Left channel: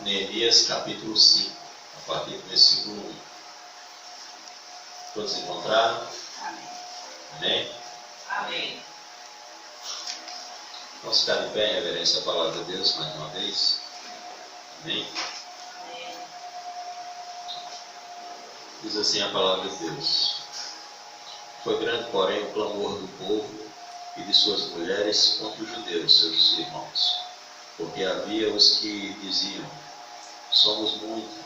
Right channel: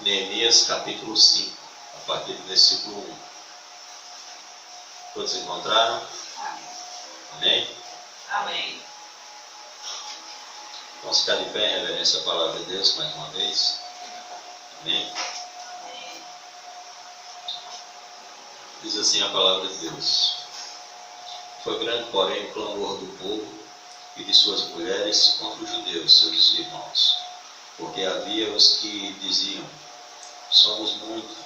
Neemias capítulo 5, a partir do versículo 1. Todos encontraram? Amém. Amém? Amém. Vamos ficar de pé em reverência à palavra de Deus mais uma vez. Amém? Amém. Diz assim a palavra de Deus: Foi grande, porém, o clamor do povo e de suas mulheres contra os judeus, seus irmãos, porque havia os que diziam: somos muitos,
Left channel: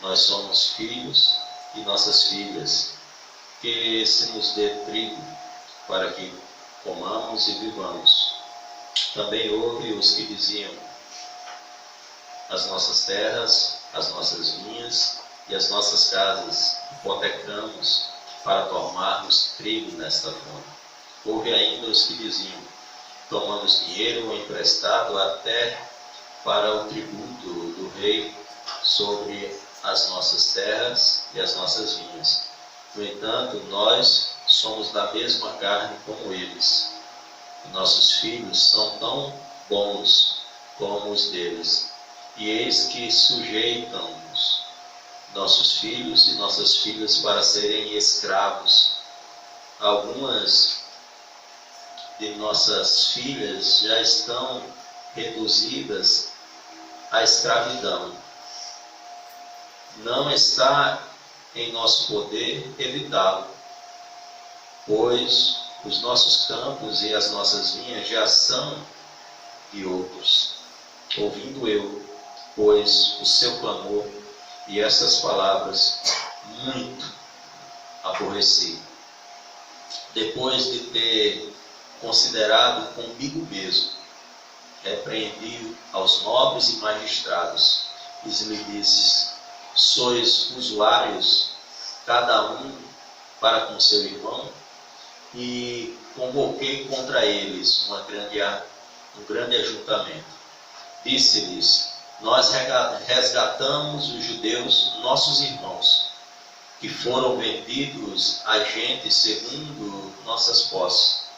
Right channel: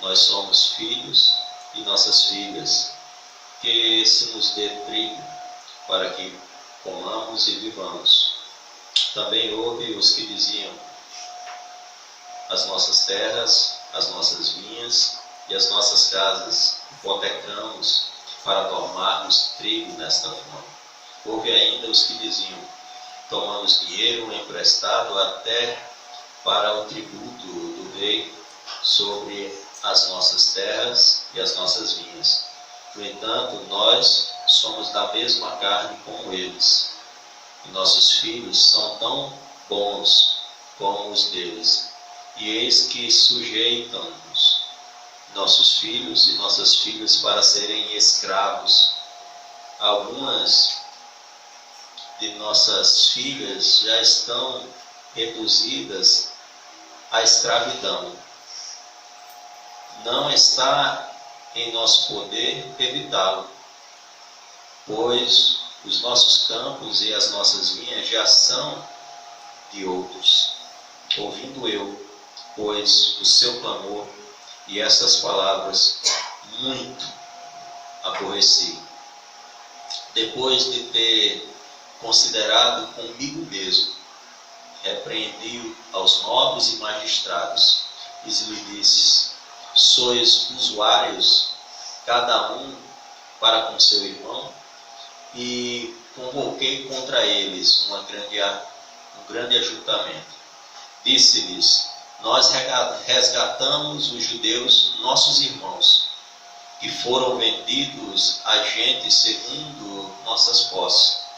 nós somos filhos e nossas filhas, que se nos dê trigo para que comamos e vivamos. Também houve os que diziam: as nossas terras, as nossas vinhas e as nossas casas hipotecamos para tomarmos trigo nesta fome. Houve ainda os que diziam: tomamos dinheiro emprestado até para o tributo do rei sobre as nossas terras e as nossas vinhas. No entanto, nós somos da mesma carne como eles, e nossos filhos são tão bons como os deles. E eis que sujeitam-nos nossos filhos e nossas filhas para serem escravos. Algumas de nossas filhas já estão reduzidas à escravidão. Não está em nosso poder evitá-lo, pois os nossos campos e as nossas vinhas já são de outros. Ouvindo eu, pois, o seu clamor e essas palavras, muito aborreci. Depois de ter considerado comigo mesmo, repreendi aos nobres e magistrados, e lhe disse: sois usuários, cada um para com seu irmão, e convoquei contra eles um grande ajuntamento. Disse-lhes: nós resgatamos os judeus, nossos irmãos, que foram vendidos a gente segundo nossas posses.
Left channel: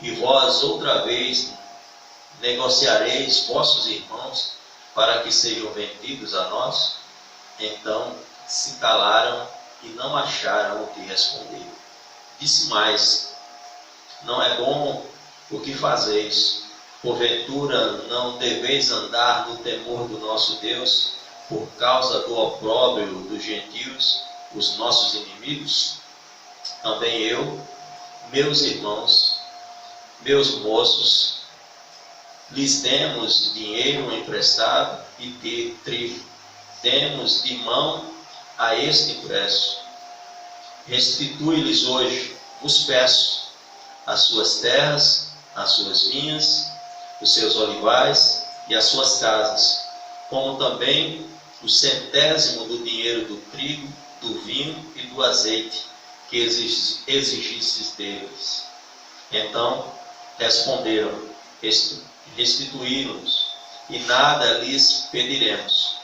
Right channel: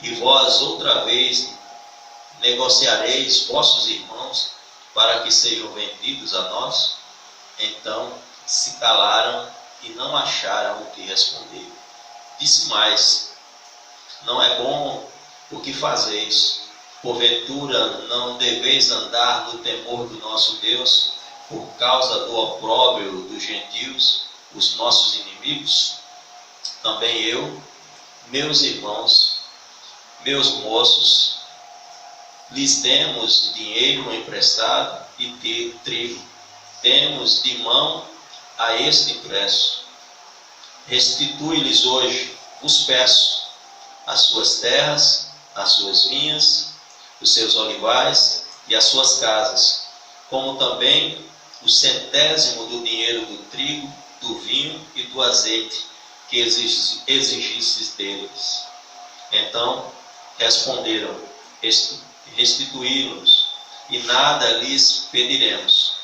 E vós outra vez negociareis vossos irmãos para que sejam vendidos a nós? Então se calaram e não acharam o que responder. Disse mais: não é bom o que fazeis. Porventura não deveis andar no temor do nosso Deus, por causa do opróbrio dos gentios, os nossos inimigos? Também eu, meus irmãos, meus moços, lhes demos dinheiro emprestado e trigo. Demos de mão a este empréstimo. Restitui-lhes hoje, vos peço, as suas terras, as suas vinhas, os seus olivais e as suas casas, como também o 100º do dinheiro do trigo, do vinho e do azeite que exigistes deles. Então responderam: restituí-los, e nada lhes pediremos.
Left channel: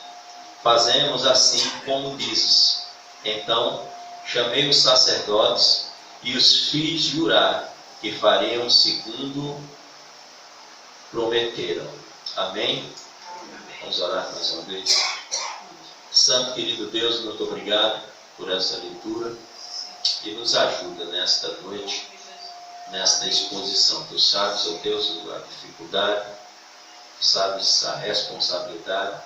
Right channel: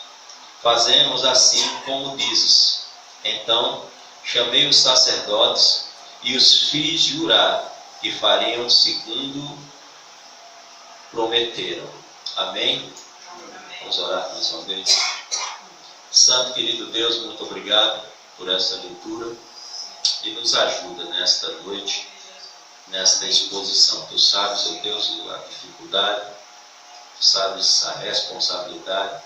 Fazemos assim como dizes. Então chamei os sacerdotes e os fiz jurar que fariam segundo prometeram. Amém? Vamos orar mais uma vez. Santo querido Deus, muito obrigado por essa leitura e nos ajuda nesta noite, nesta exposição. Tu sabes, ó Deus, a dificuldade, tu sabes a responsabilidade,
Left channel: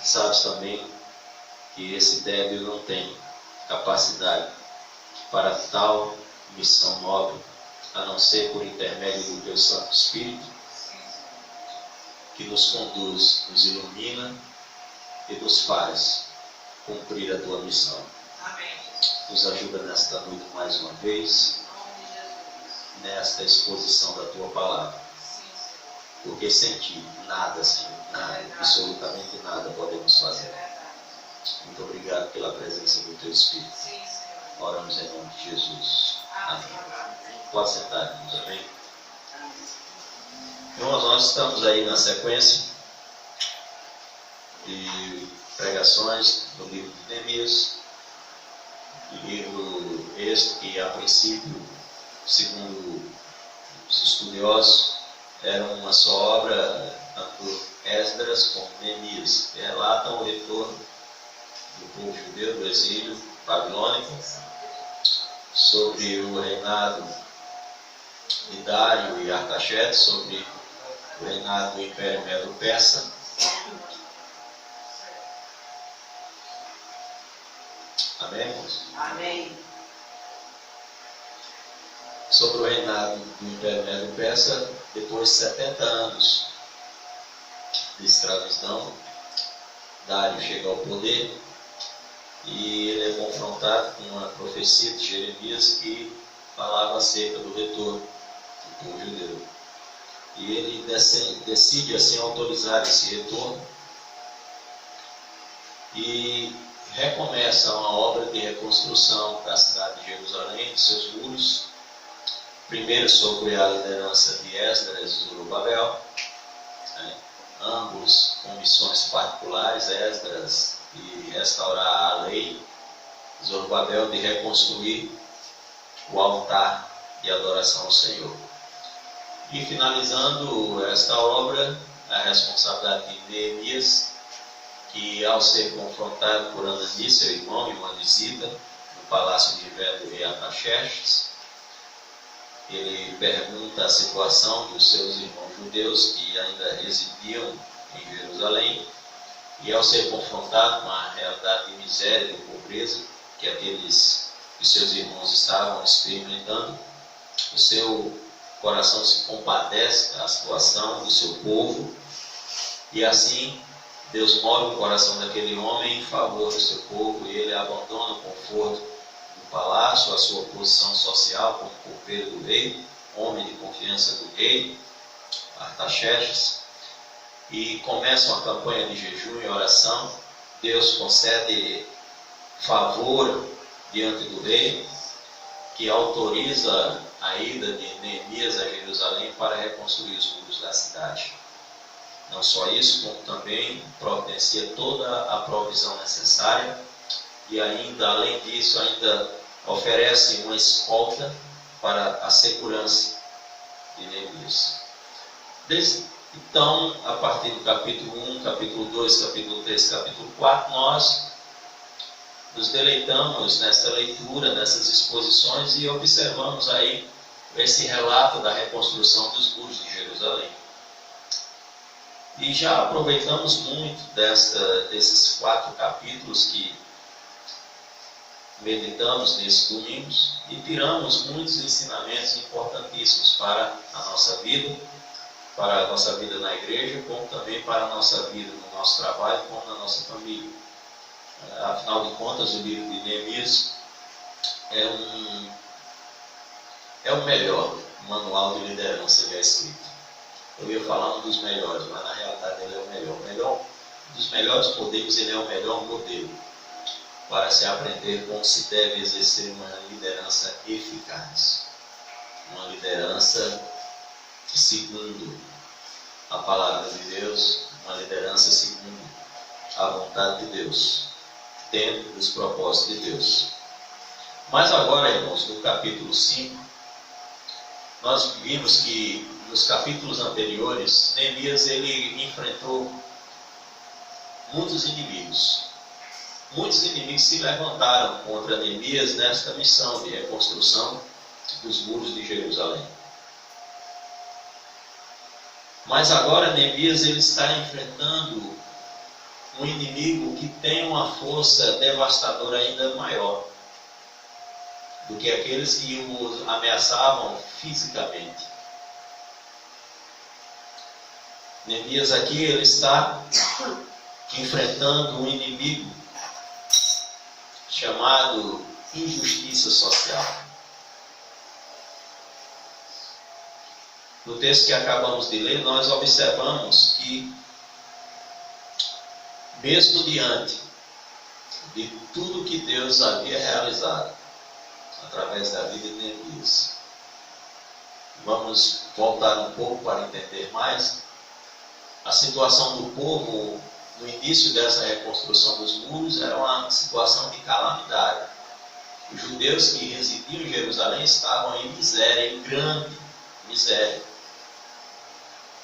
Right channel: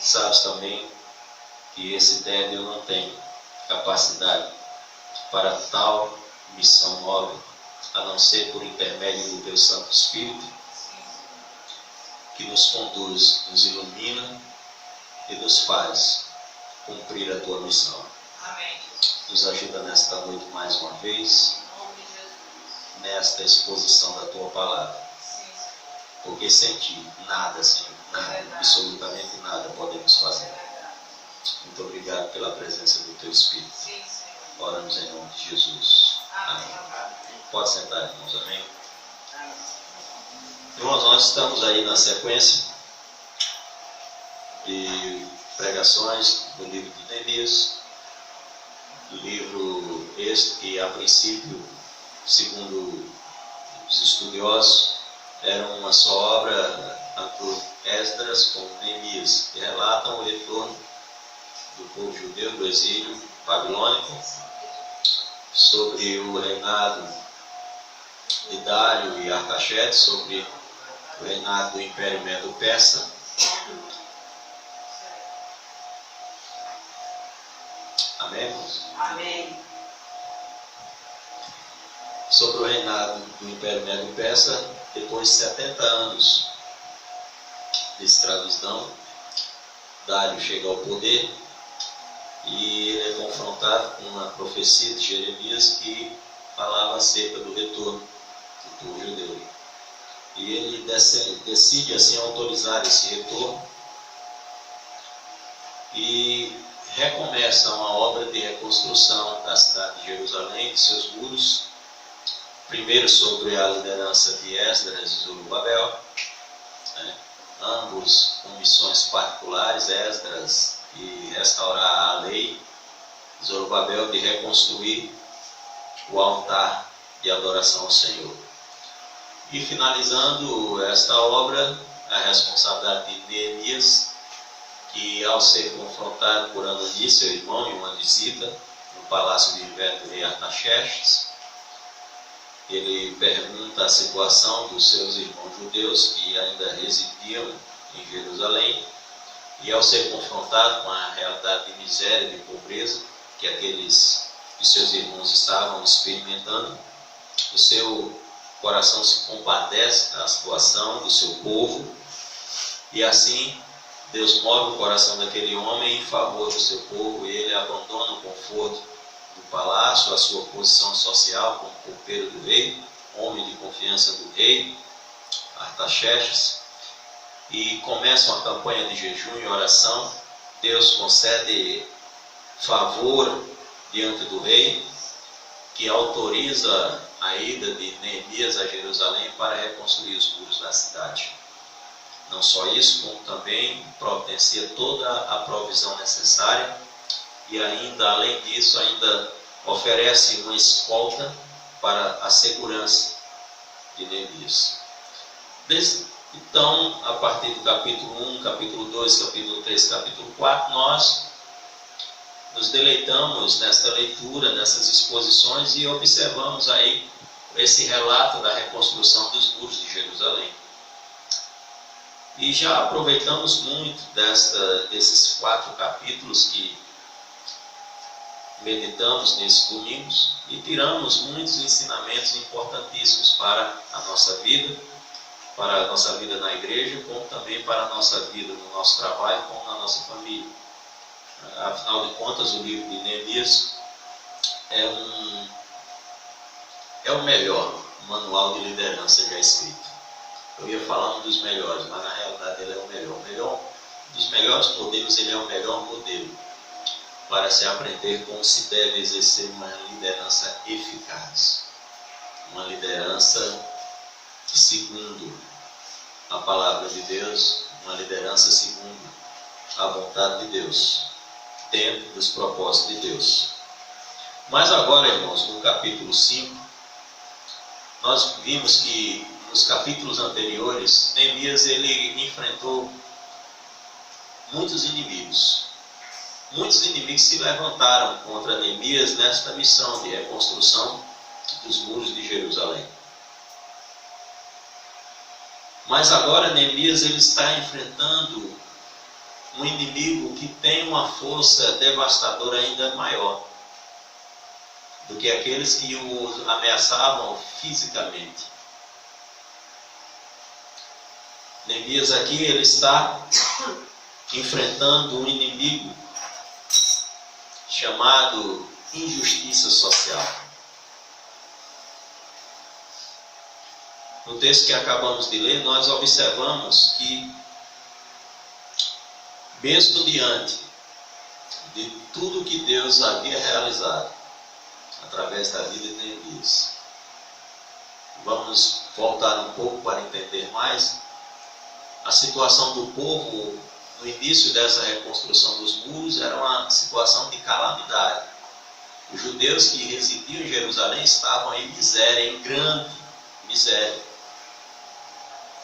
sabes também que esse débil não tem capacidade para tal missão nobre, a não ser por intermédio do Teu Santo Espírito, que nos conduz, nos ilumina e nos faz cumprir a Tua missão. Amém. Nos ajuda nesta noite mais uma vez, nesta exposição da Tua Palavra, porque sem Ti, nada, Senhor, nada, absolutamente nada podemos fazer. Muito obrigado pela presença do Teu Espírito. Oramos em nome de Jesus. Amém. Pode sentar, irmãos. Amém. Irmãos, nós estamos aí na sequência de pregações do livro de Neemias, livro este que, a princípio, segundo os estudiosos, era uma só obra tanto Esdras como Neemias, que relatam o retorno do povo judeu do exílio babilônico, sobre o reinado de Dário e Artaxerxes, sobre o reinado do Império Medo-Persa. Amém, irmãos? Amém. Sobre o reinado do Império Medo-Persa, depois de 70 anos de escravidão, Dário chega ao poder e ele é confrontado com uma profecia de Jeremias que falava acerca do retorno do povo judeu. E ele decide assim autorizar esse retorno e recomeça uma obra de reconstrução da cidade de Jerusalém, de seus muros, primeiro sobre a liderança de Esdras e Zorobabel, ambos com missões particulares, Esdras de restaurar a lei, Zorobabel de reconstruir o altar de adoração ao Senhor. E finalizando esta obra, a responsabilidade de Neemias, que ao ser confrontado por Anani, seu irmão, em uma visita no palácio de inverno do rei Artaxerxes, ele pergunta a situação dos seus irmãos judeus que ainda residiam em Jerusalém, e ao ser confrontado com a realidade de miséria e de pobreza que aqueles de seus irmãos estavam experimentando, o seu coração se compadece da situação do seu povo, e assim Deus move o coração daquele homem em favor do seu povo, e ele abandona o conforto do palácio, a sua posição social como copeiro do rei, homem de confiança do rei Artaxerxes, e começa uma campanha de jejum e oração. Deus concede favor diante do rei, que autoriza a ida de Neemias a Jerusalém para reconstruir os muros da cidade. Não só isso, como também providencia toda a provisão necessária, e ainda, além disso, ainda oferece uma escolta para a segurança de Neemias. Então, a partir do capítulo 1, capítulo 2, capítulo 3, capítulo 4, nós nos deleitamos nesta leitura, nessas exposições, e observamos aí esse relato da reconstrução dos muros de Jerusalém. E já aproveitamos muito desses 4 capítulos que meditamos nesses domingos e tiramos muitos ensinamentos importantíssimos para a nossa vida, para a nossa vida na igreja, como também para a nossa vida no nosso trabalho, como na nossa família. Afinal de contas, o livro de Neemias é o melhor manual de liderança já escrito. Eu ia falar um dos melhores, mas na realidade ele é o melhor. O melhor dos melhores modelos, ele é o melhor modelo para se aprender como se deve exercer uma liderança eficaz. Uma liderança segundo a palavra de Deus, uma liderança segundo a vontade de Deus, dentro dos propósitos de Deus. Mas agora, irmãos, no capítulo 5, nós vimos que nos capítulos anteriores, Neemias ele enfrentou muitos inimigos. Muitos inimigos se levantaram contra Neemias nesta missão de reconstrução dos muros de Jerusalém. Mas agora Neemias ele está enfrentando um inimigo que tem uma força devastadora ainda maior do que aqueles que o ameaçavam fisicamente. Neemias aqui ele está enfrentando um inimigo chamado injustiça social. No texto que acabamos de ler, nós observamos que, mesmo diante de tudo que Deus havia realizado através da vida de Neemias, vamos voltar um pouco para entender mais a situação do povo. No início dessa reconstrução dos muros era uma situação de calamidade. Os judeus que residiam em Jerusalém estavam em miséria, em grande miséria.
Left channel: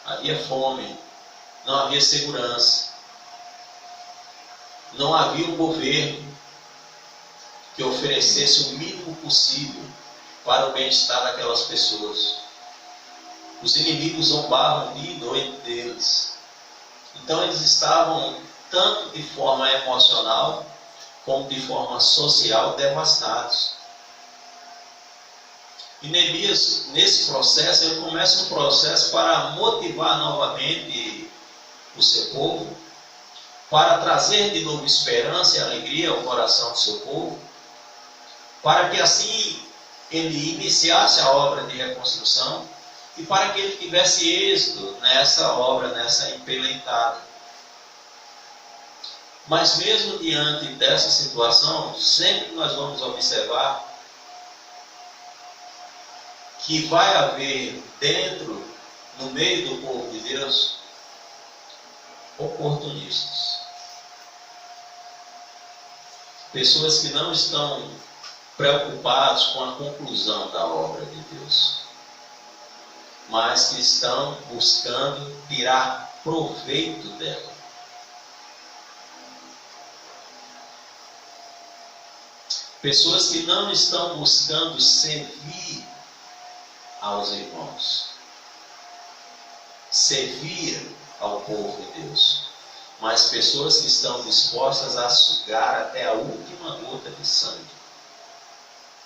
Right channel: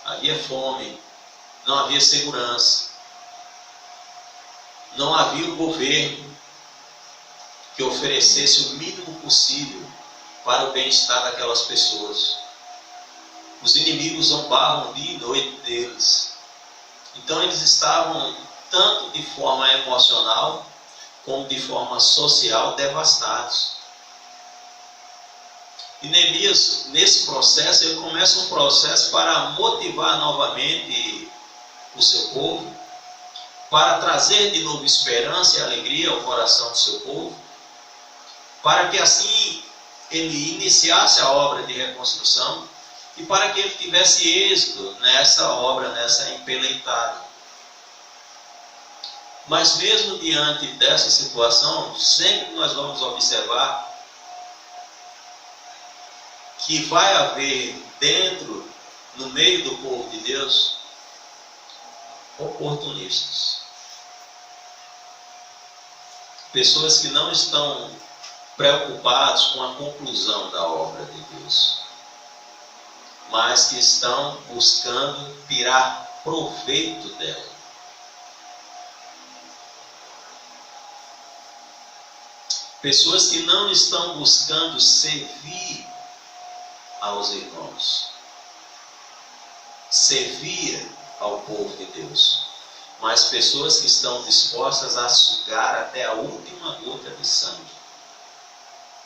Havia fome não havia segurança, não havia um governo que oferecesse o mínimo possível para o bem-estar daquelas pessoas. Os inimigos zombavam dia e noite deles. Então eles estavam, tanto de forma emocional, como de forma social, devastados. E Neemias, nesse processo, ele começa um processo para motivar novamente o seu povo, para trazer de novo esperança e alegria ao coração do seu povo, para que assim ele iniciasse a obra de reconstrução e para que ele tivesse êxito nessa obra, nessa empreitada. Mas mesmo diante dessa situação, sempre nós vamos observar que vai haver dentro, no meio do povo de Deus, oportunistas. Pessoas que não estão preocupados com a conclusão da obra de Deus, mas que estão buscando tirar proveito dela. Pessoas que não estão buscando servir aos irmãos, servir ao povo de Deus, mas pessoas que estão dispostas a sugar até a última gota de sangue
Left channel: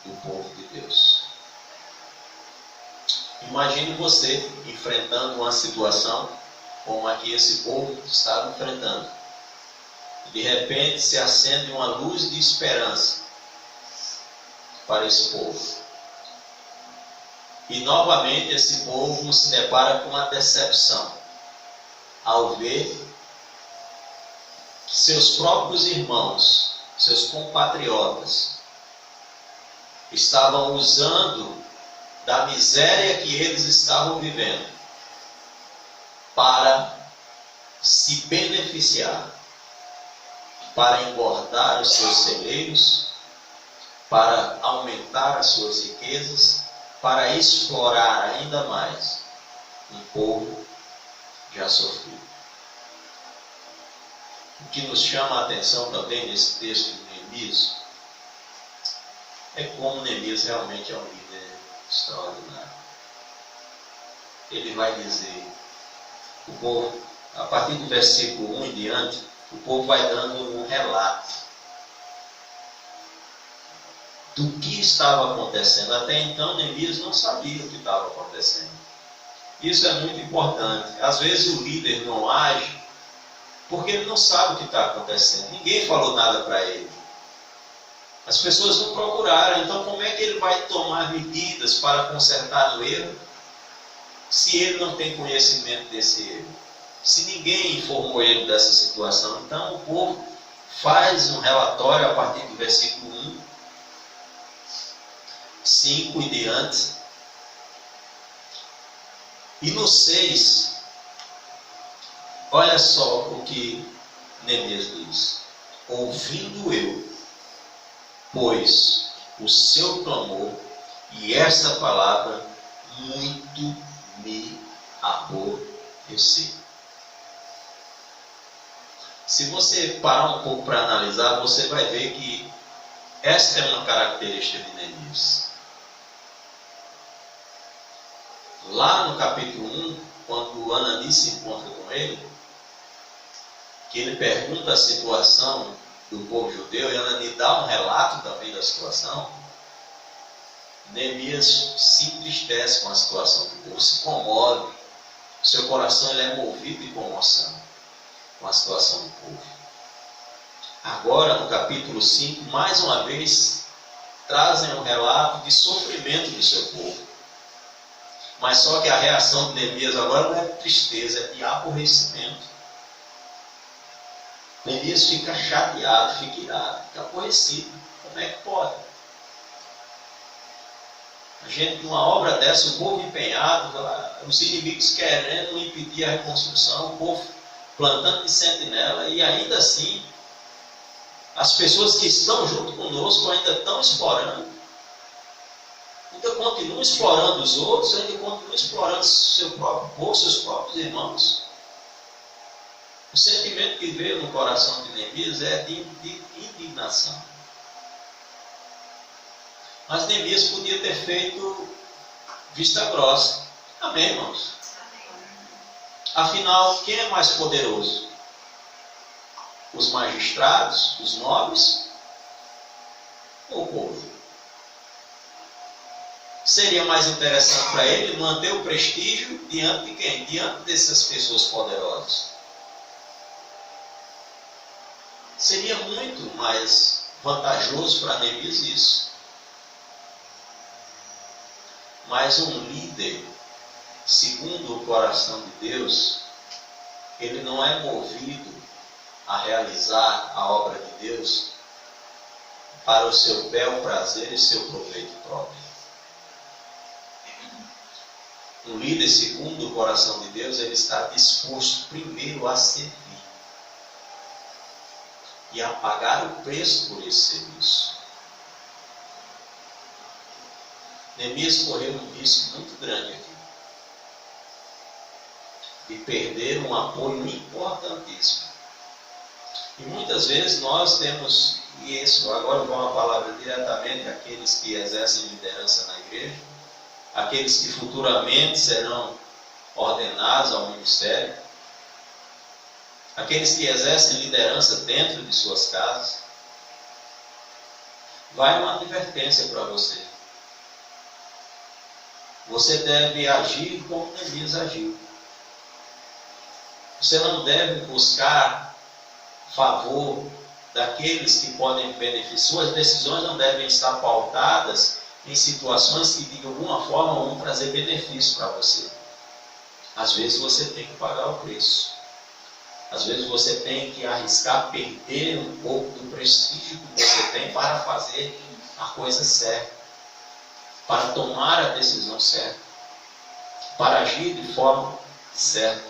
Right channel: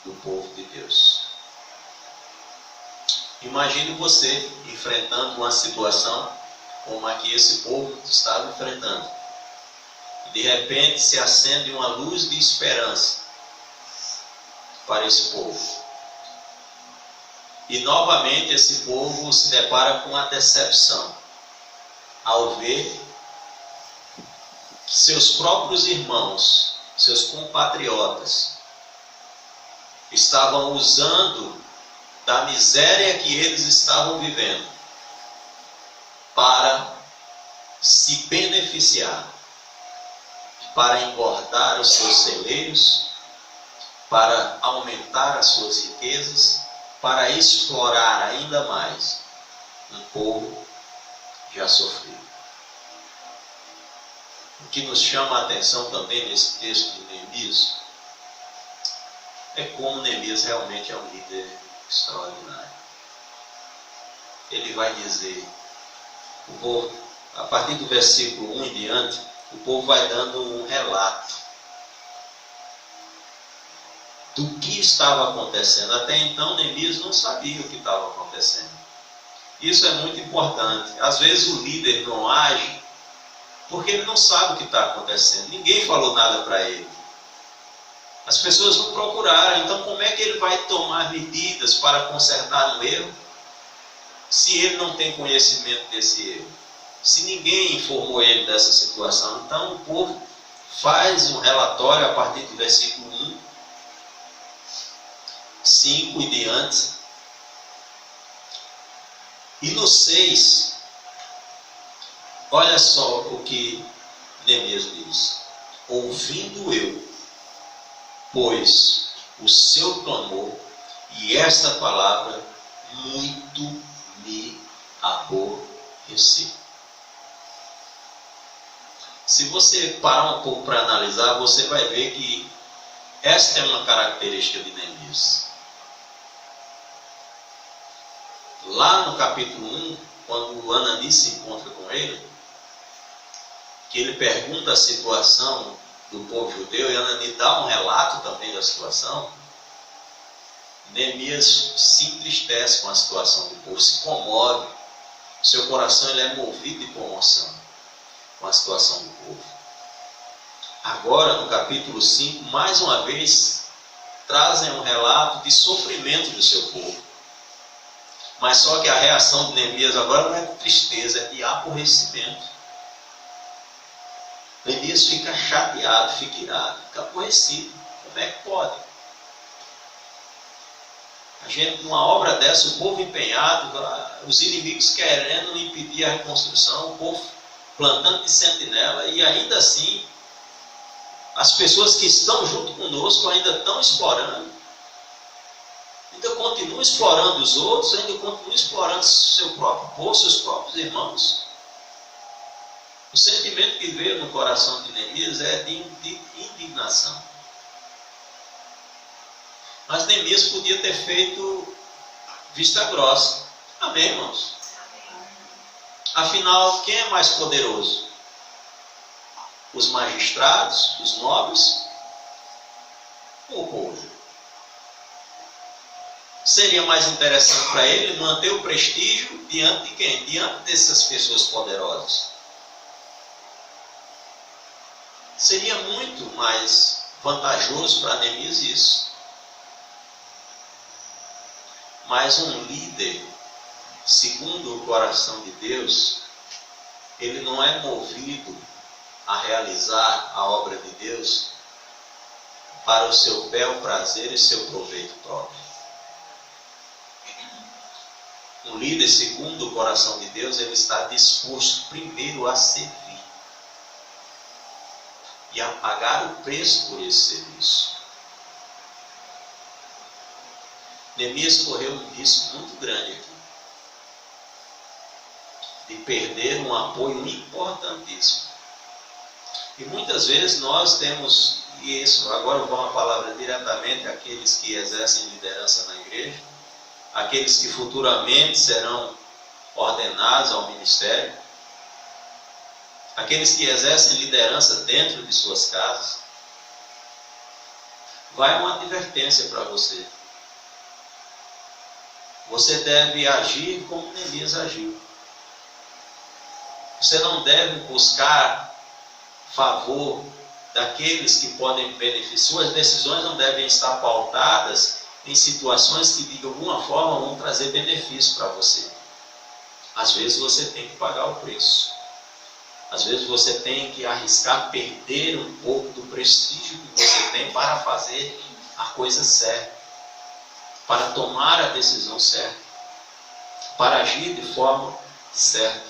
do povo de Deus. Imagine você enfrentando uma situação como a que esse povo estava enfrentando. De repente se acende uma luz de esperança para esse povo. E novamente esse povo se depara com uma decepção ao ver que seus próprios irmãos, seus compatriotas, estavam usando da miséria que eles estavam vivendo para se beneficiar, para engordar os seus celeiros, para aumentar as suas riquezas, para explorar ainda mais um povo já sofrido. O que nos chama a atenção também nesse texto de Neemias é como Neemias realmente é um líder extraordinário. Ele vai dizer, o povo, a partir do versículo 1 em diante, o povo vai dando um relato do que estava acontecendo. Até então, Neemias não sabia o que estava acontecendo. Isso é muito importante. Às vezes o líder não age porque ele não sabe o que está acontecendo. Ninguém falou nada para ele. As pessoas não procuraram. Então, como é que ele vai tomar medidas para consertar o erro se ele não tem conhecimento desse erro? Se ninguém informou ele dessa situação. Então, o povo faz um relatório a partir do versículo 1, 5 e diante. E no 6, olha só o que Neemias diz. Ouvindo eu, pois, o seu clamor e essa palavra, muito me aborreci. Se você parar um pouco para analisar, você vai ver que esta é uma característica de Neemias. Lá no capítulo 1, quando Anani se encontra com ele, que ele pergunta a situação do povo judeu, e Anani dá um relato também da situação, Neemias se entristece com a situação do povo, se comove, seu coração ele é movido de comoção com a situação do povo. Agora, no capítulo 5, mais uma vez, trazem um relato de sofrimento do seu povo. Mas só que a reação de Neemias agora não é de tristeza, é de aborrecimento. Neemias fica chateado, fica irado, fica aborrecido. Como é que pode? A gente, numa obra dessa, o povo empenhado, os inimigos querendo impedir a reconstrução, o povo plantando de sentinela, e ainda assim, as pessoas que estão junto conosco ainda estão explorando. Ainda continuam explorando os outros, ainda continuam explorando seu próprio povo, seus próprios irmãos. O sentimento que veio no coração de Neemias é de indignação. Mas Neemias podia ter feito vista grossa. Amém, irmãos? Afinal, quem é mais poderoso? Os magistrados, os nobres ou o povo? Seria mais interessante para ele manter o prestígio diante de quem? Diante dessas pessoas poderosas. Seria muito mais vantajoso para Neemias isso. Mas um líder, segundo o coração de Deus, ele não é movido a realizar a obra de Deus para o seu bel prazer e seu proveito próprio. Um líder, segundo o coração de Deus, ele está disposto primeiro a servir e a pagar o preço por esse serviço. Neemias correu um risco muito grande aqui, de perder um apoio importantíssimo. E muitas vezes nós temos, e isso agora eu vou uma palavra diretamente àqueles que exercem liderança na igreja, aqueles que futuramente serão ordenados ao ministério, aqueles que exercem liderança dentro de suas casas. Vai uma advertência para você. Você deve agir como Neemias agiu. Você não deve buscar favor daqueles que podem beneficiar. Suas decisões não devem estar pautadas em situações que de alguma forma vão trazer benefício para você. Às vezes você tem que pagar o preço. Às vezes você tem que arriscar perder um pouco do prestígio que você tem para fazer a coisa certa, para tomar a decisão certa, para agir de forma certa.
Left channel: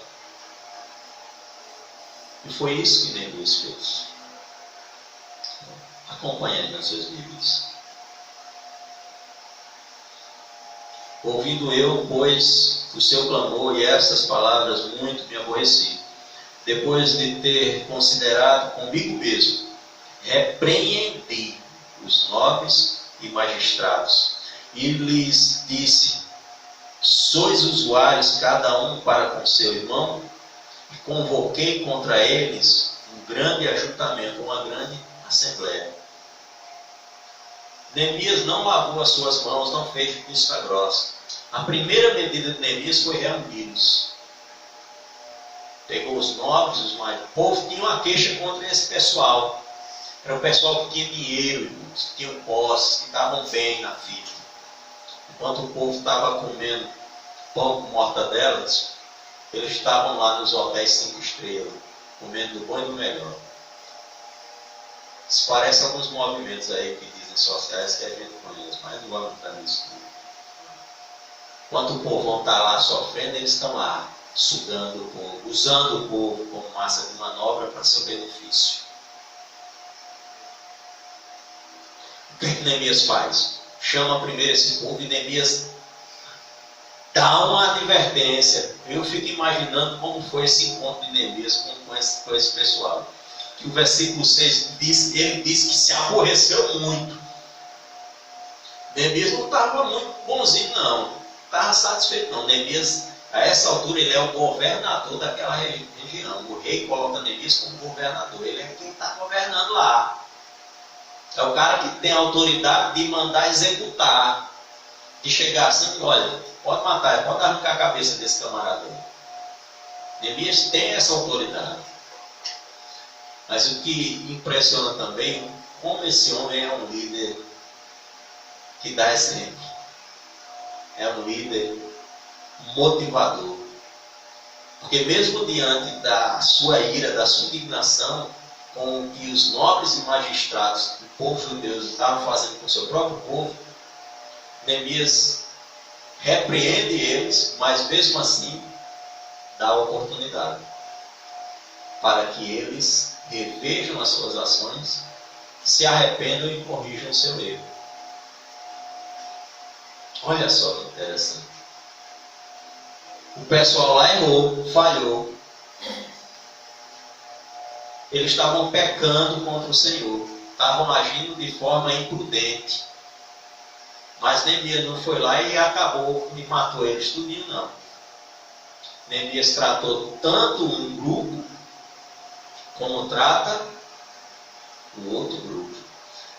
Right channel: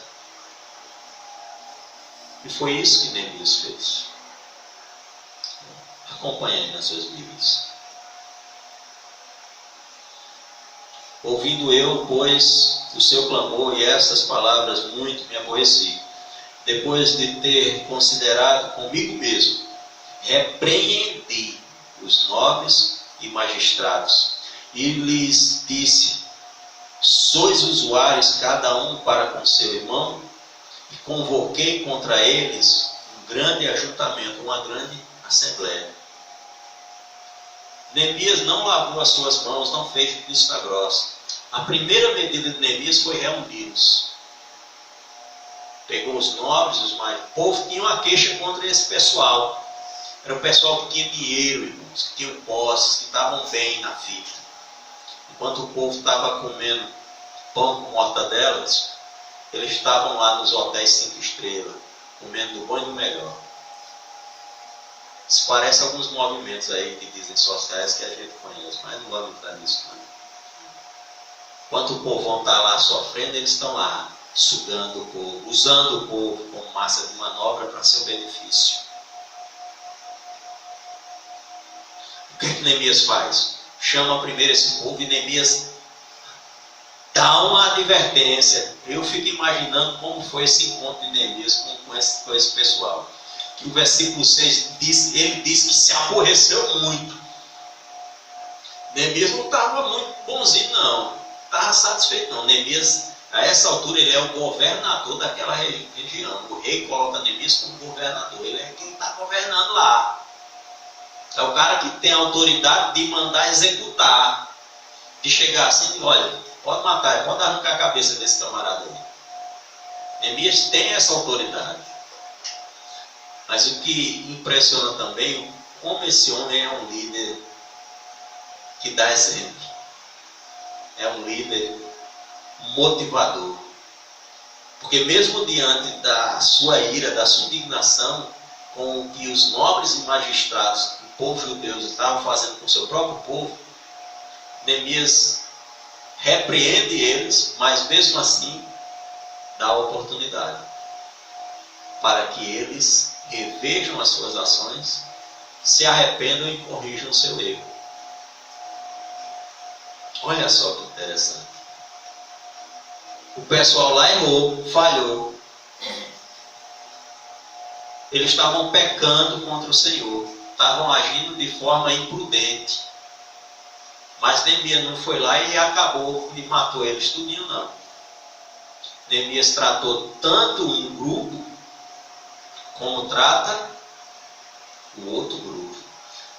E foi isso que Neemias fez. Acompanhe nas suas Bíblias. Ouvindo eu, pois, o seu clamor e essas palavras, muito me aborreci. Depois de ter considerado comigo mesmo, repreendi os nobres e magistrados, e lhes disse: sois usuários cada um para com seu irmão, e convoquei contra eles um grande ajuntamento, uma grande assembleia. Neemias não lavou as suas mãos, não fez vista grossa. A primeira medida de Neemias foi reuni-los. Pegou os nobres, os mais. O povo tinha uma queixa contra esse pessoal. Era o pessoal que tinha dinheiro, irmãos, que tinham posses, que estavam bem na vida. Enquanto o povo estava comendo pão com mortadelas, eles estavam lá nos hotéis 5 estrelas, comendo do bom e do melhor. Isso parece alguns movimentos aí que dizem sociais que a gente conhece, mas não vamos entrar nisso não. Enquanto o povão está lá sofrendo, eles estão lá sugando o povo, usando o povo como massa de manobra para seu benefício. O que Neemias faz? Chama primeiro esse povo e Neemias dá uma advertência. Eu fico imaginando como foi esse encontro de Neemias com esse pessoal. Que o versículo 6 diz, ele diz que se aborreceu muito. Neemias não estava muito bonzinho não, não estava satisfeito não. Neemias, a essa altura, ele é o governador daquela região. O rei coloca Neemias como governador, ele é quem está governando lá. É o cara que tem a autoridade de mandar executar, de chegar assim, olha, pode matar, pode arrancar a cabeça desse camarada aí. Neemias tem essa autoridade. Mas o que impressiona também, como esse homem é um líder que dá exemplo. É um líder motivador. Porque mesmo diante da sua ira, da sua indignação, com o que os nobres e magistrados do povo judeu estavam fazendo com o seu próprio povo, Neemias repreende eles, mas mesmo assim dá a oportunidade para que eles revejam as suas ações, se arrependam e corrijam o seu erro. Olha só que interessante. O pessoal lá errou, falhou. eles estavam pecando contra o Senhor, estavam agindo de forma imprudente. Mas Neemias não foi lá e acabou e matou eles tudinho, não. Neemias tratou tanto um grupo, como trata o outro grupo.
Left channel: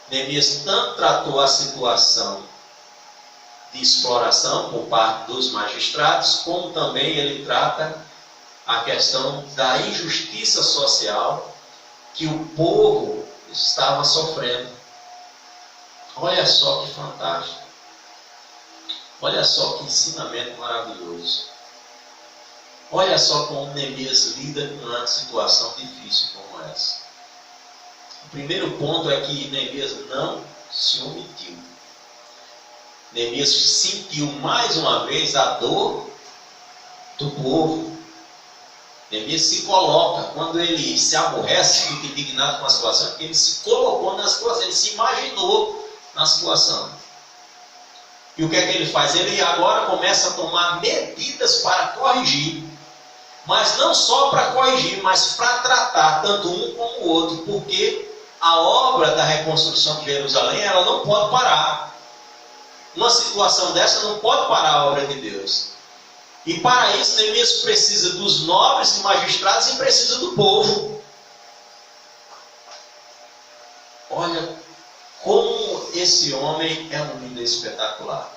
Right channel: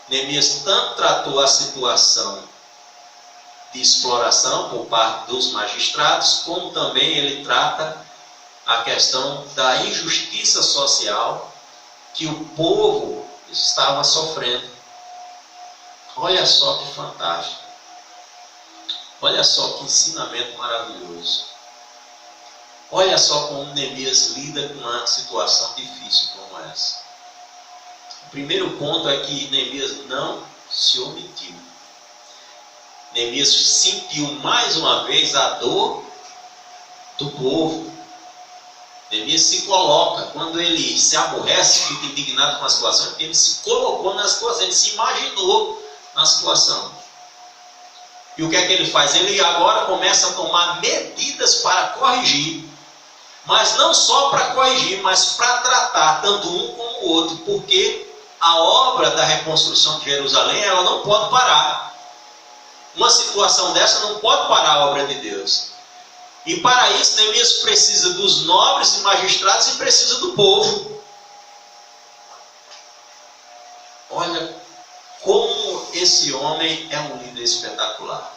Neemias tanto tratou a situação de exploração por parte dos magistrados, como também ele trata a questão da injustiça social que o povo estava sofrendo. Olha só que fantástico. Olha só que ensinamento maravilhoso. Olha só como Neemias lida com uma situação difícil como essa. O primeiro ponto é que Neemias não se omitiu. Neemias sentiu mais uma vez a dor do povo. Neemias se coloca, quando ele se aborrece, fica indignado com a situação, porque ele se colocou na situação, ele se imaginou na situação. E o que é que ele faz? Ele agora começa a tomar medidas para corrigir. Mas não só para corrigir, mas para tratar tanto um como o outro. Porque a obra da reconstrução de Jerusalém, ela não pode parar. Uma situação dessa não pode parar a obra de Deus. E para isso, Neemias precisa dos nobres e magistrados e precisa do povo. Olha como esse homem é um líder espetacular.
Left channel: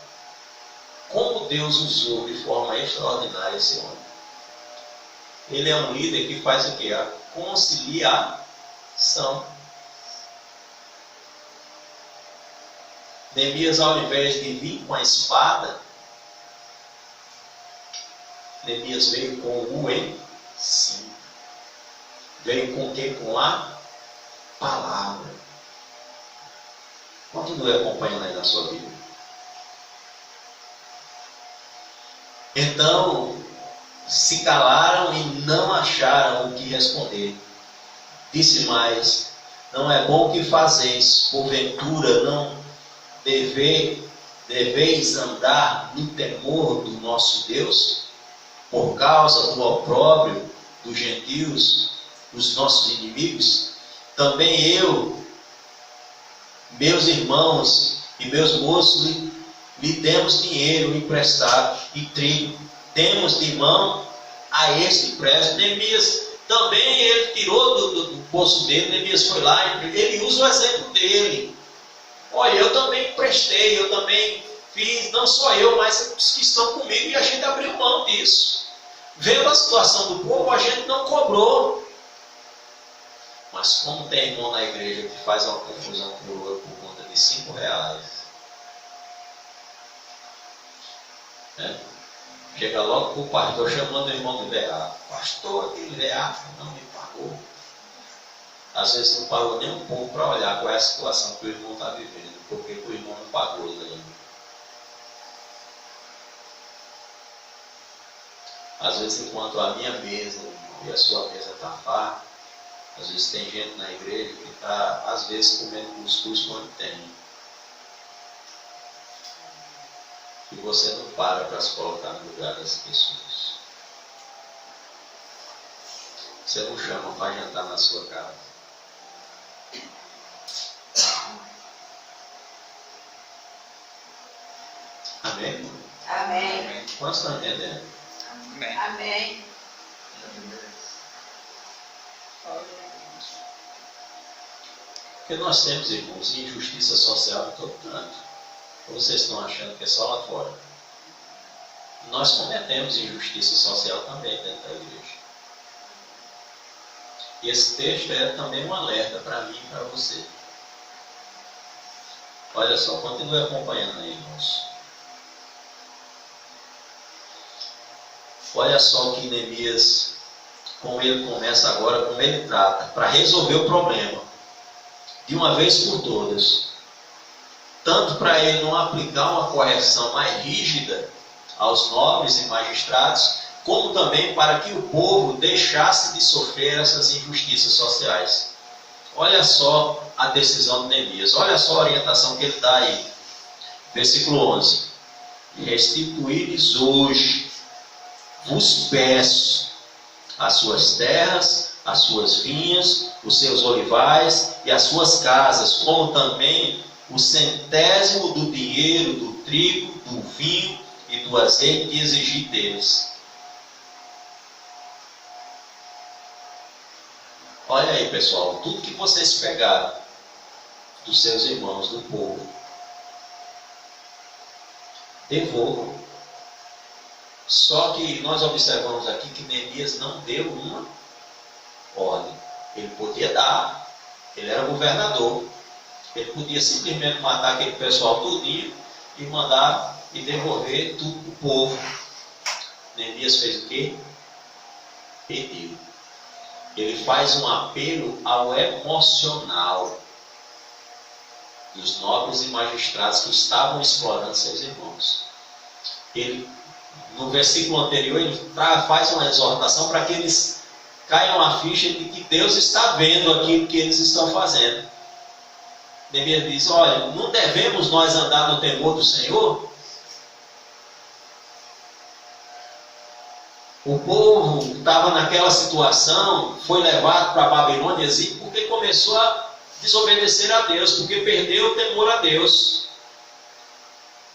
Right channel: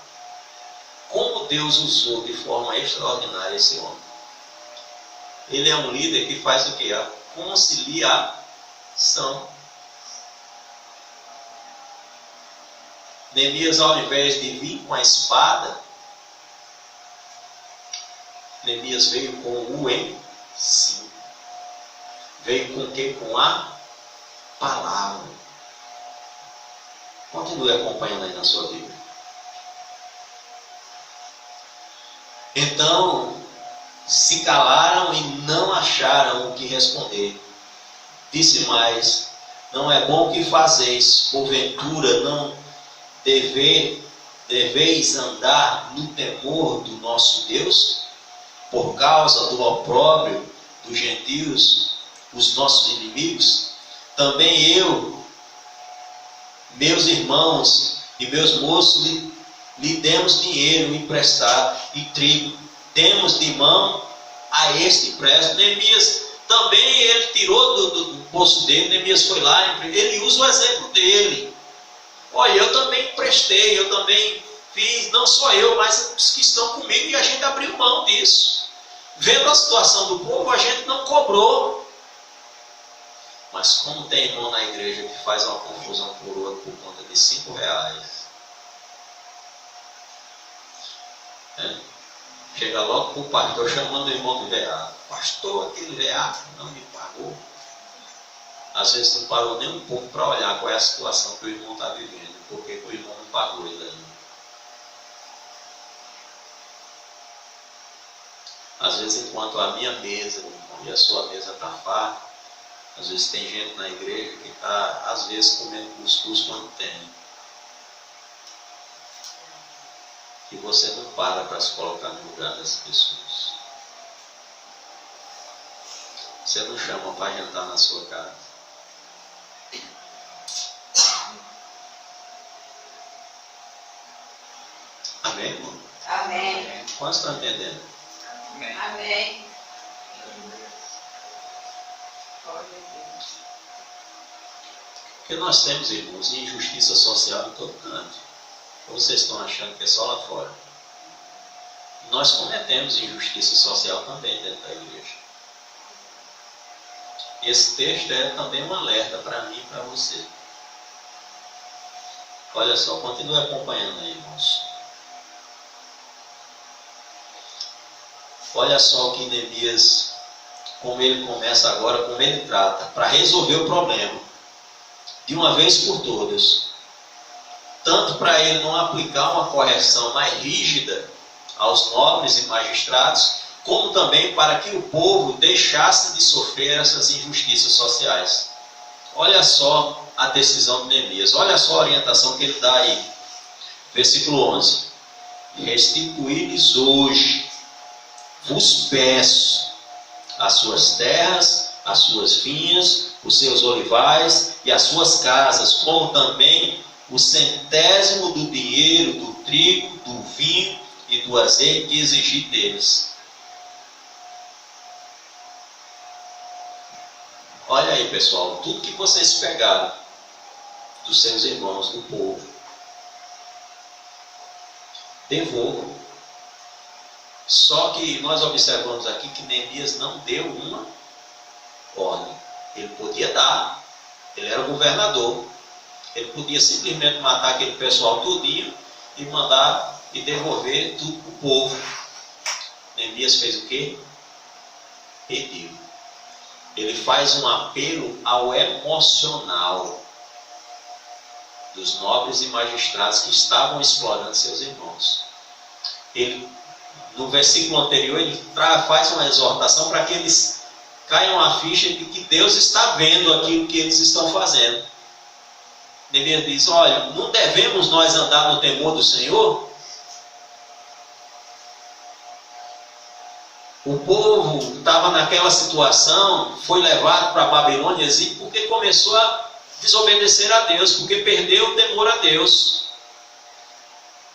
Como Deus usou de forma extraordinária esse homem. Ele é um líder que faz o quê? A conciliação. Neemias, ao invés de vir com a espada, Neemias veio com o ensino. Veio com o quê? Com a palavra. Continue acompanhando aí na sua Bíblia. Então, se calaram e não acharam o que responder. Disse mais: não é bom que fazeis, porventura não deveis andar no temor do nosso Deus, por causa do opróbrio dos gentios, os nossos inimigos? Também eu, meus irmãos e meus moços, lhe demos dinheiro emprestado e trigo, temos de mão a este empréstimo. Neemias também, ele tirou do poço dele. Neemias foi lá, ele usa o exemplo dele. Olha, eu também emprestei, eu também fiz, não só eu, mas os que estão comigo, e a gente abriu mão disso. Vendo a situação do povo, a gente não cobrou. Mas como tem irmão na igreja que faz uma confusão por outro por conta de R$5, chega logo para o pastor chamando o irmão do veado: pastor, aquele veado não me pagou. Às vezes não parou nem um pouco para olhar qual é a situação que o irmão está vivendo, porque o irmão não pagou ele ainda. Às vezes, enquanto a minha mesa e a sua mesa está farta, às vezes tem gente na igreja que está, às vezes, comendo cuscuz quando tem. E você não para se colocar no lugar das pessoas. Você não chama para jantar na sua casa. Amém, irmão? Amém. Quantos estão entendendo? Amém. Porque nós temos, irmãos, injustiça social em todo canto. Ou vocês estão achando que é só lá fora? Nós cometemos injustiça social também dentro da igreja. Esse texto é também um alerta para mim e para você. Olha só, continue acompanhando aí, irmãos. Olha só o que Neemias, como ele começa agora, como ele trata, para resolver o problema, de uma vez por todas. Tanto para ele não aplicar uma correção mais rígida aos nobres e magistrados, como também para que o povo deixasse de sofrer essas injustiças sociais. Olha só a decisão de Neemias, olha só a orientação que ele dá aí. Versículo 11. Restituí-lhes hoje, vos peço, as suas terras, as suas vinhas, os seus olivais e as suas casas, como também o 100º do dinheiro, do trigo, do vinho e do azeite que exigi deles. Olha aí, pessoal, tudo que vocês pegaram dos seus irmãos, do povo, devolvam. Só que nós observamos aqui que Neemias não deu uma ordem. Ele podia dar, ele era governador, ele podia simplesmente matar aquele pessoal tudinho e mandar e devolver tudo para o povo. Neemias fez o quê? Pediu. Ele faz um apelo ao emocional dos nobres e magistrados que estavam explorando seus irmãos. Ele, no versículo anterior, ele faz uma exortação para que eles caiam a ficha de que Deus está vendo aquilo que eles estão fazendo. Neemias diz: olha, não devemos nós andar no temor do Senhor? O povo estava naquela situação, foi levado para a Babilônia porque começou a desobedecer a Deus, porque perdeu o temor a Deus.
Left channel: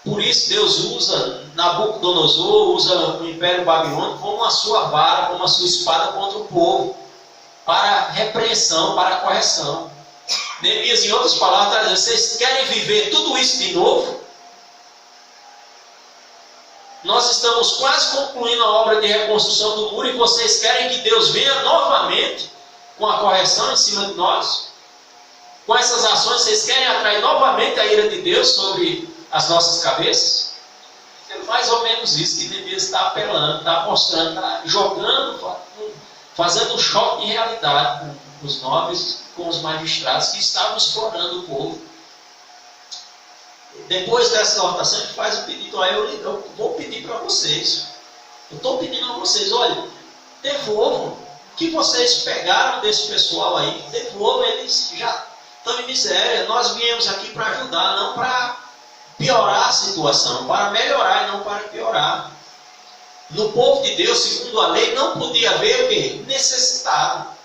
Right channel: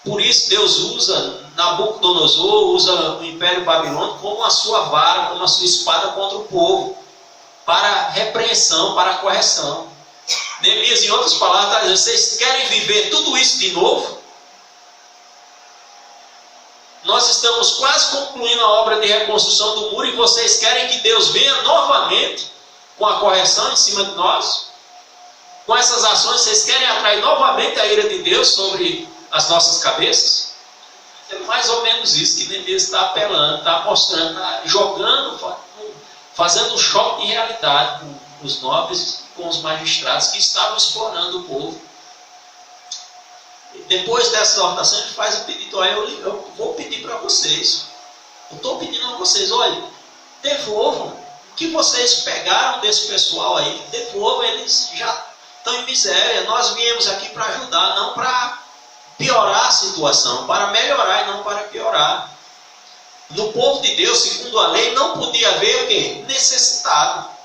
Por isso Deus usa Nabucodonosor, usa o Império Babilônico como a sua vara, como a sua espada contra o povo, para repreensão, para correção. Neemias, em outras palavras, está dizendo: vocês querem viver tudo isso de novo? Nós estamos quase concluindo a obra de reconstrução do muro e vocês querem que Deus venha novamente com a correção em cima de nós? Com essas ações, vocês querem atrair novamente a ira de Deus sobre as nossas cabeças? É mais ou menos isso que Neemias está apelando, está mostrando, está jogando, fazendo um choque de realidade com os nobres, com os magistrados que estavam explorando o povo. Depois dessa exortação, ele faz o pedido: olha, eu vou pedir para vocês, eu estou pedindo a vocês, olha, devolvam o que vocês pegaram desse pessoal aí, devolvam, eles já estão em miséria. Nós viemos aqui para ajudar, não para piorar a situação, para melhorar e não para piorar. No povo de Deus, segundo a lei, não podia haver o quê? Necessitado.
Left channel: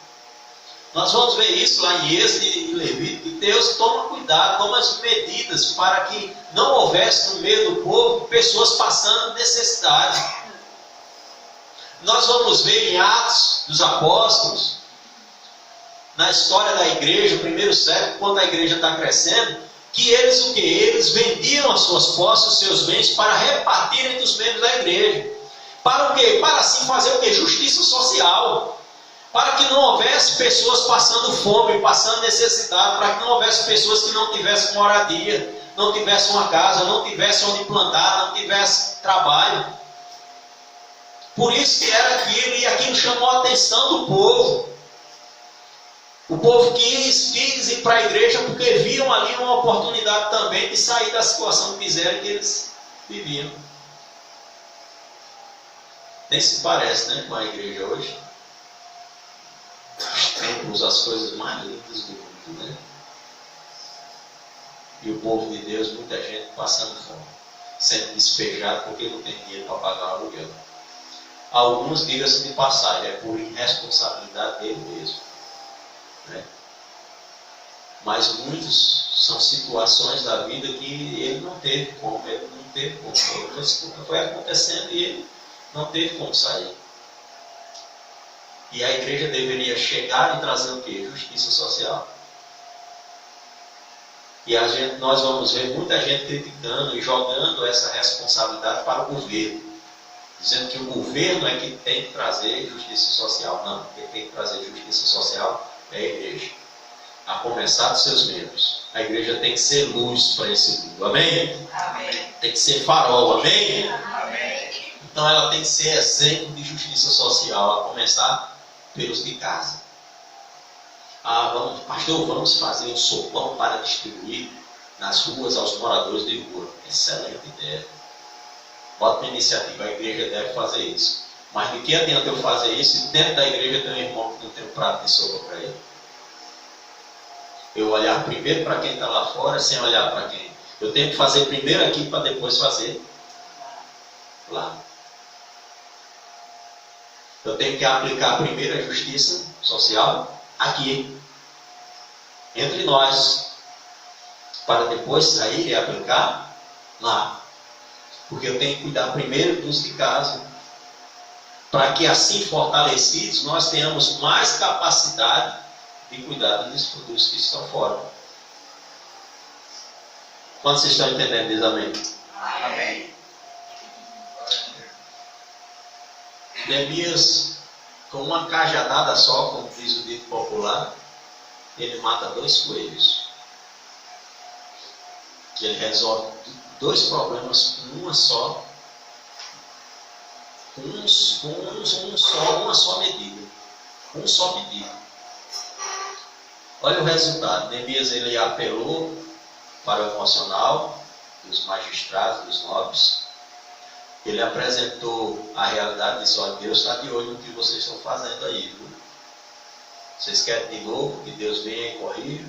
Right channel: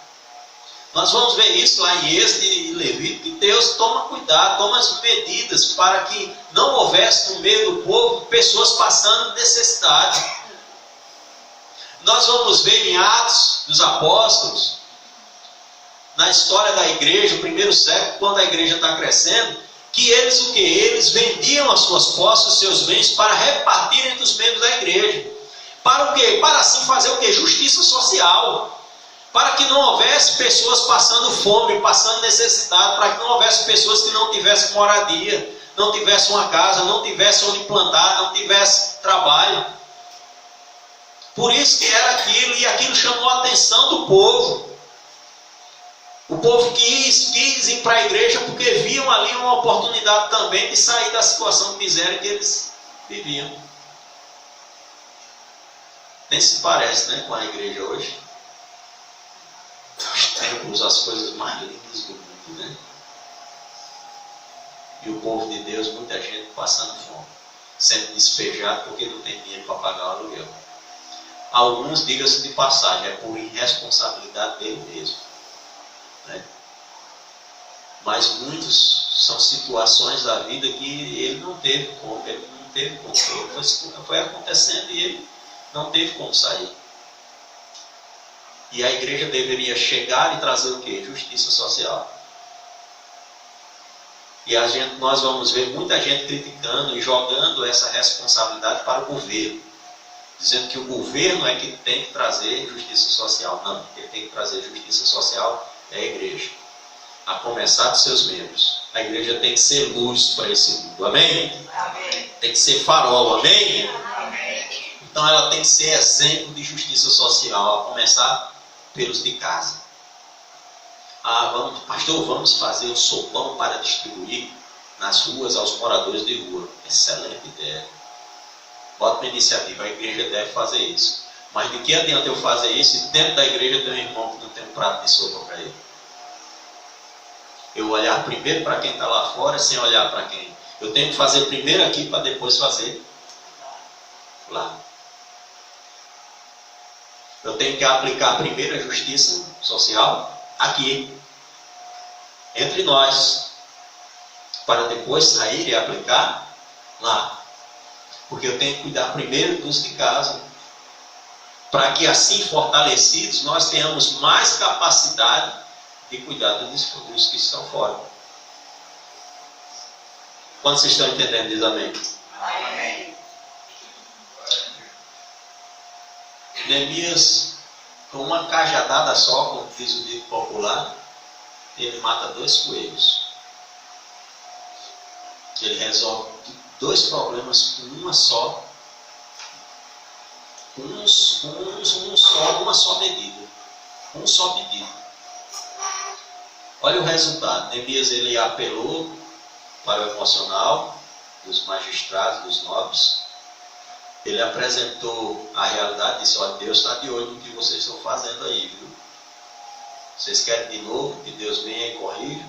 Nós vamos ver isso lá em Êxodo e Levítico, que Deus toma cuidado, toma as medidas para que não houvesse no meio do povo pessoas passando necessidade. Nós vamos ver em Atos dos Apóstolos, na história da igreja, o primeiro século, quando a igreja está crescendo, que eles o quê? Eles vendiam as suas posses, os seus bens, para repartir entre os membros da igreja. Para o quê? Para assim fazer o quê? Justiça social. Para que não houvesse pessoas passando fome, passando necessidade, para que não houvesse pessoas que não tivessem moradia, não tivessem uma casa, não tivessem onde plantar, não tivessem trabalho. Por isso que era aquilo, e aquilo chamou a atenção do povo. O povo quis ir para a igreja porque viam ali uma oportunidade também de sair da situação de miséria que eles viviam. Nem se parece, né, com a igreja hoje. Os templos, as coisas mais lindas do mundo, né? E o povo de Deus, muita gente passando fome, sendo despejado porque não tem dinheiro para pagar o aluguel. Alguns, diga-se de passagem, é por irresponsabilidade dele mesmo, né? Mas muitos são situações da vida que ele não teve como, foi acontecendo e ele não teve como sair. E a igreja deveria chegar e trazer o quê? Justiça social. E nós vamos ver muita gente criticando e jogando essa responsabilidade para o governo, dizendo que o governo é que tem que trazer justiça social. Não, quem tem que trazer justiça social é a igreja, a começar dos seus membros. A igreja tem que ser luz para esse mundo, amém? Amém. Tem que ser farol, amém? Amém. Então ela tem que ser exemplo de justiça social, a começar pelos de casa. Pastor, vamos fazer um sopão para distribuir nas ruas aos moradores de rua. Excelente ideia. Bota uma iniciativa, a igreja deve fazer isso. Mas de que adianta eu fazer isso e dentro da igreja tem um irmão que não tem um prato de sopa para ele? Eu olhar primeiro para quem está lá fora, sem olhar para quem? Eu tenho que fazer primeiro aqui para depois fazer lá. Eu tenho que aplicar primeiro a justiça social aqui, entre nós, para depois sair e aplicar lá. Porque eu tenho que cuidar primeiro dos de casa, para que assim fortalecidos nós tenhamos mais capacidade de cuidar dos que estão fora. Quantos vocês estão entendendo? Diz amém. Amém. Neemias, com uma cajadada só, como diz o dito popular, ele mata 2 coelhos. Ele resolve 2 problemas com uma só, uma só medida, um só pedido. Olha o resultado. Neemias, ele apelou para o emocional dos magistrados, dos nobres. Ele apresentou a realidade e disse: olha, Deus está de olho no que vocês estão fazendo aí, viu? Vocês querem de novo que Deus venha e corrija?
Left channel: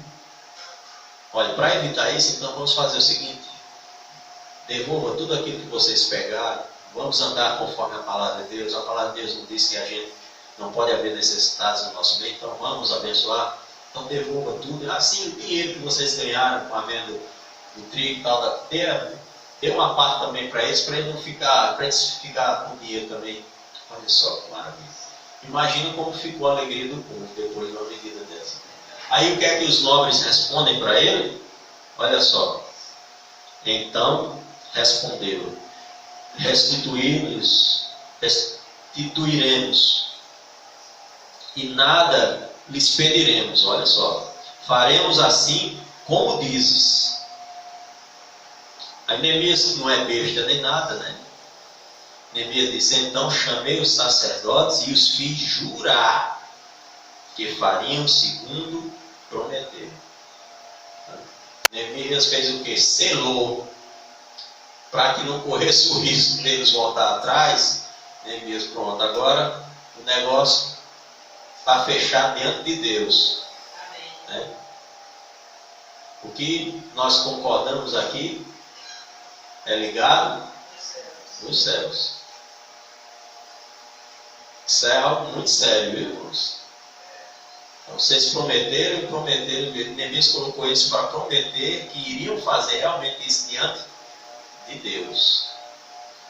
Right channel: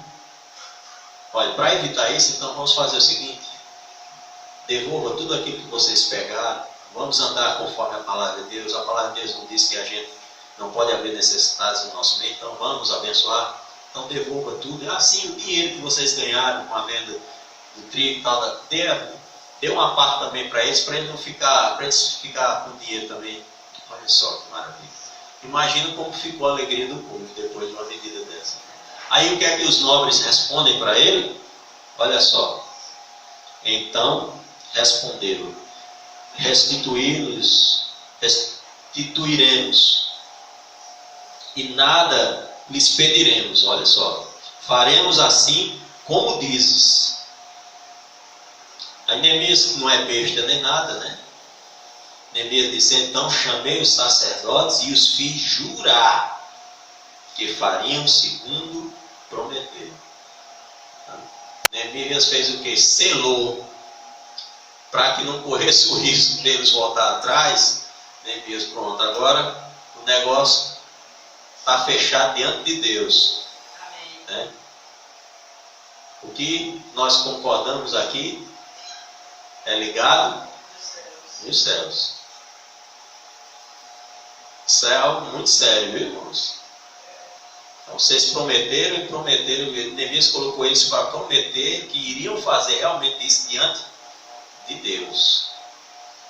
Olha, para evitar isso, então vamos fazer o seguinte: devolva tudo aquilo que vocês pegaram, vamos andar conforme a palavra de Deus. A palavra de Deus não diz que a gente não pode haver necessidades no nosso meio, então vamos abençoar. Então devolva tudo. Assim, o dinheiro que vocês ganharam com a venda do trigo e tal, dê uma parte também para eles não ficar, para eles ficar com dinheiro também. Olha só que maravilha. Imagina como ficou a alegria do povo depois de uma medida dessa. Aí o que é que os nobres respondem para ele? Olha só. Então responderam: restituiremos e nada lhes pediremos. Olha só. Faremos assim como dizes. Aí Neemias não é besta nem nada, né? Neemias disse: então chamei os sacerdotes e os fiz jurar que fariam segundo prometeram. Neemias fez o que? Selou, para que não corresse o risco deles voltar atrás. Neemias, pronto, agora o negócio está fechado diante de Deus. Amém. Né? O que nós concordamos aqui é ligado nos céus. Isso é algo muito sério, viu, irmãos? Então, vocês prometeram. Neemias colocou eles para prometer que iriam fazer realmente isso diante de Deus,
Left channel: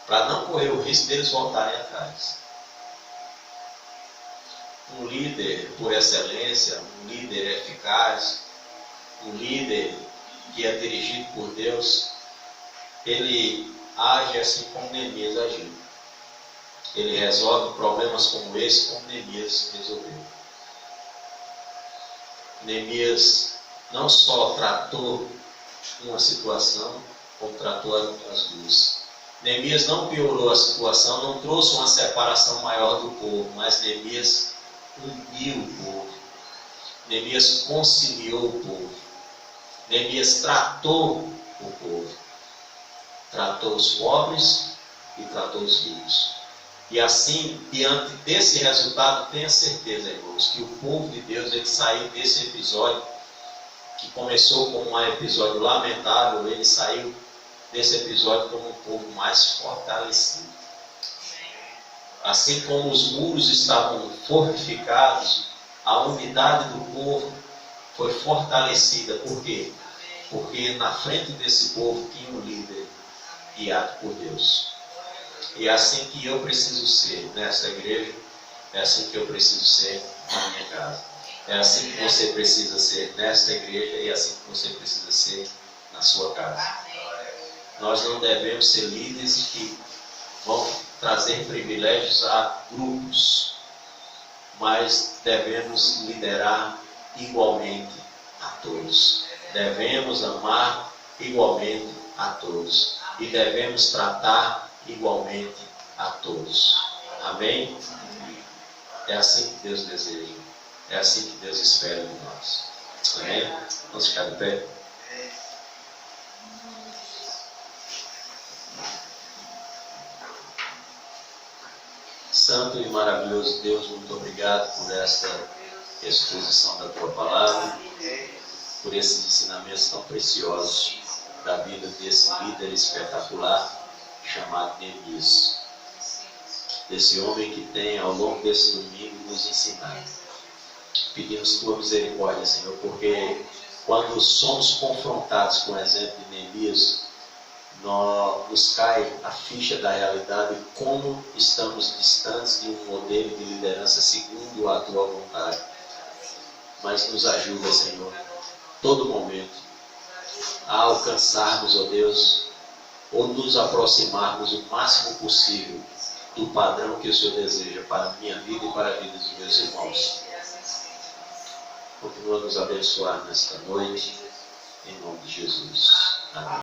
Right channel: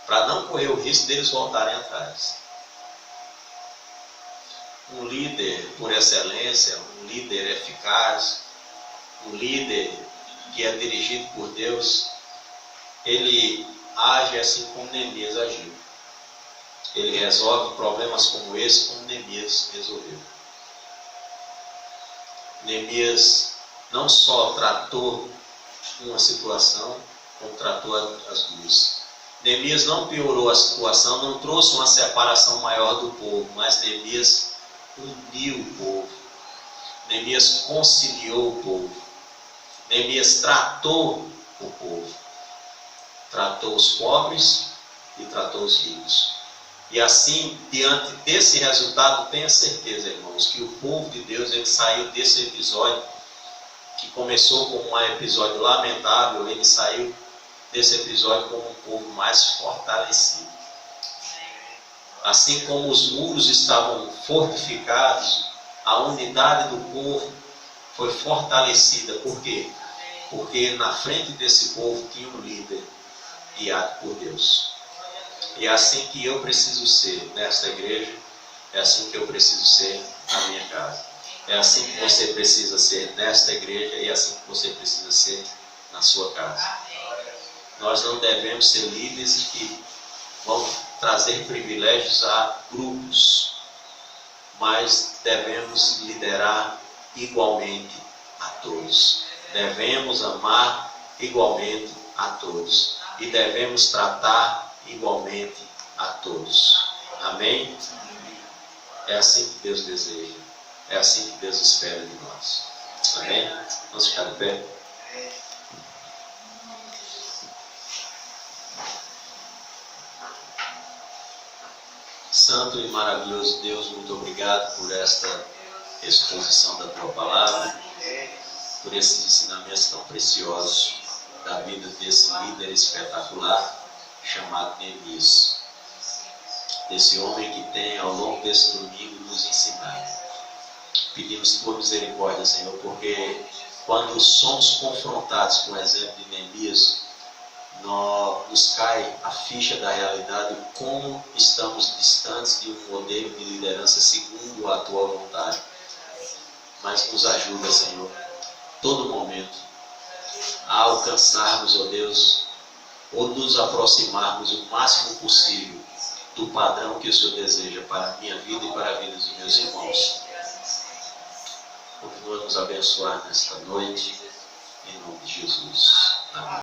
para não correr o risco deles voltarem atrás. Um líder por excelência, um líder eficaz, um líder que é dirigido por Deus, ele age assim como Neemias agiu. Ele resolve problemas como esse, como Neemias resolveu. Neemias não só tratou uma situação, como tratou as duas. Neemias não piorou a situação, não trouxe uma separação maior do povo, mas Neemias uniu o povo. Neemias conciliou o povo. Neemias tratou o povo. Tratou os pobres e tratou os ricos. E assim, diante desse resultado, tenha certeza, irmãos, que o povo de Deus, ele saiu desse episódio, que começou como um episódio lamentável, ele saiu desse episódio como um povo mais fortalecido. Assim como os muros estavam fortificados, a unidade do povo foi fortalecida. Por quê? Porque na frente desse povo tinha um líder guiado por Deus. E é assim que eu preciso ser nessa igreja, é assim que eu preciso ser na minha casa. É assim que você precisa ser nesta igreja e é assim que você precisa ser na sua casa. Nós não devemos ser líderes que vão trazer privilégios a grupos, mas devemos liderar igualmente a todos. Devemos amar igualmente a todos. E devemos tratar igualmente a todos. Amém? É assim que Deus deseja. É assim que Deus espera de nós. Amém? Vamos ficar de pé? Santo e maravilhoso Deus, muito obrigado por esta exposição da Tua Palavra, por esses ensinamentos tão preciosos da vida desse líder espetacular chamado Neemias. Desse homem que tem ao longo desse domingo nos ensinado. Pedimos tua misericórdia, Senhor, porque quando somos confrontados com o exemplo de Neemias, nos cai a ficha da realidade como estamos distantes de um modelo de liderança segundo a tua vontade. Mas nos ajuda, Senhor, todo momento, a alcançarmos, ó Deus, ou nos aproximarmos o máximo possível do padrão que o Senhor deseja para a minha vida e para a vida dos meus irmãos. Continua a nos abençoar nesta noite, em nome de Jesus. Amém.